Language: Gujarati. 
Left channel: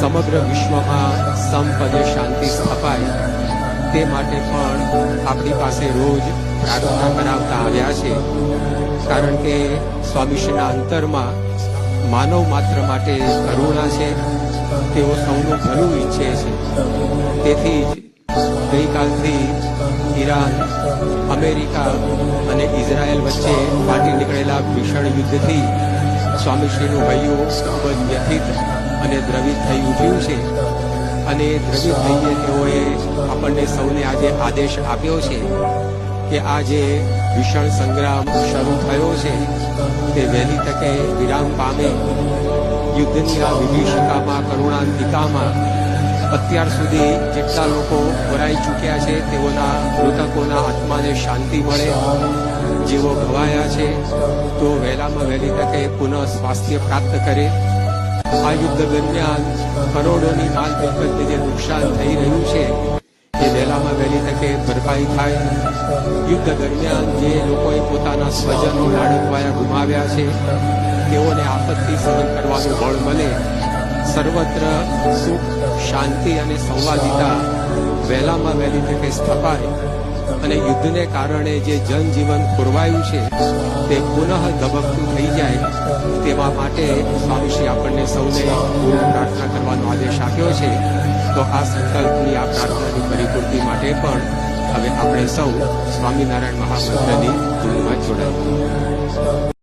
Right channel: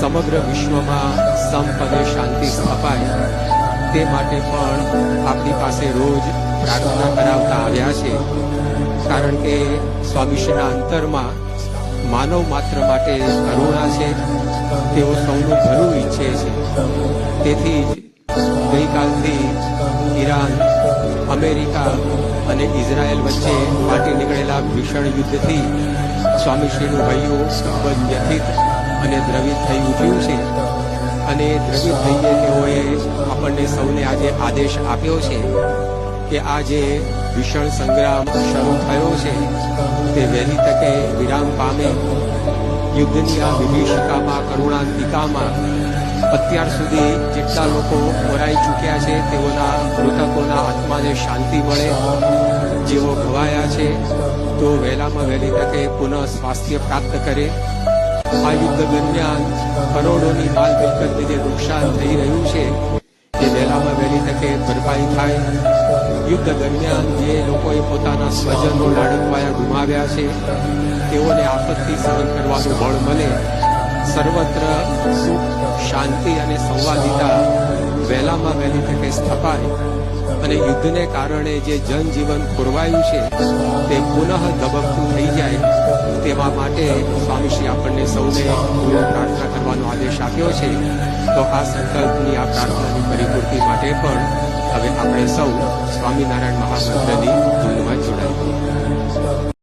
સમગ્ર વિશ્વમાં સંપ અને શાંતિ સ્થપાય તે માટે પણ આપણી પાસે રોજ પ્રાર્થના કરાવતા આવ્યા છે. કારણ કે સ્વામીશ્રીના અંતરમાં માનવ માત્ર માટે કરુણા છે. તેઓ સૌનું ભલું ઈચ્છે છે. તેથી જ ગઈકાલથી ઈરાન, અમેરિકા અને ઇઝરાયલ વચ્ચે ફાટી નીકળેલા ભીષણ યુદ્ધથી સ્વામીશ્રીનું હૈયું ખૂબ જ વ્યથિત અને દ્રવિત થઈ ઉઠ્યું છે. અને દ્રવિત થઈએ તેઓએ આપણને સૌને આજે આદેશ આપ્યો છે કે આ જે ભીષણ સંગ્રામ શરૂ થયો છે તે વહેલી તકે વિરામ પામે. યુદ્ધની આ વિભીષિકામાં, કરુણાંતિકામાં અત્યાર સુધી જેટલા લોકો ખોરાઈ ચૂક્યા છે તેઓના મૃતકોના આત્માને શાંતિ મળે. જેઓ ઘવાયા છે તો વહેલામાં વહેલી તકે પુનઃ સ્વાસ્થ્ય પ્રાપ્ત કરે. આ યુદ્ધ દરમિયાન કરોડોની માલ મિલકતને જે નુકસાન થઈ રહ્યું છે એ વહેલામાં વહેલી તકે ભરપાઈ થાય. યુદ્ધ દરમિયાન જે લોકોએ પોતાના સ્વજનો, લાડકવાયા ગુમાવ્યા છે તેઓને આપત્તિ સહન કરવાનું બળ મળે. સર્વત્ર સુખ, શાંતિ અને સંવાદિતા વહેલામાં વહેલી તકે સ્થપાય અને યુદ્ધને કારણે જે જનજીવન ખોરવાયું છે તે પુનઃ ધબકતું થઈ જાય. તેવા માટે સ્વામીશ્રી આપણને સૌને પ્રાર્થના કરવાનો આદેશ આપ્યો છે. તો આ સંકલ્પની, આ પ્રાર્થનાની પરિપૂર્તિ માટે પણ હવે આપણે સૌ સ્વામિનારાયણ મહામંત્રની ધૂનમાં જોડાઈએ.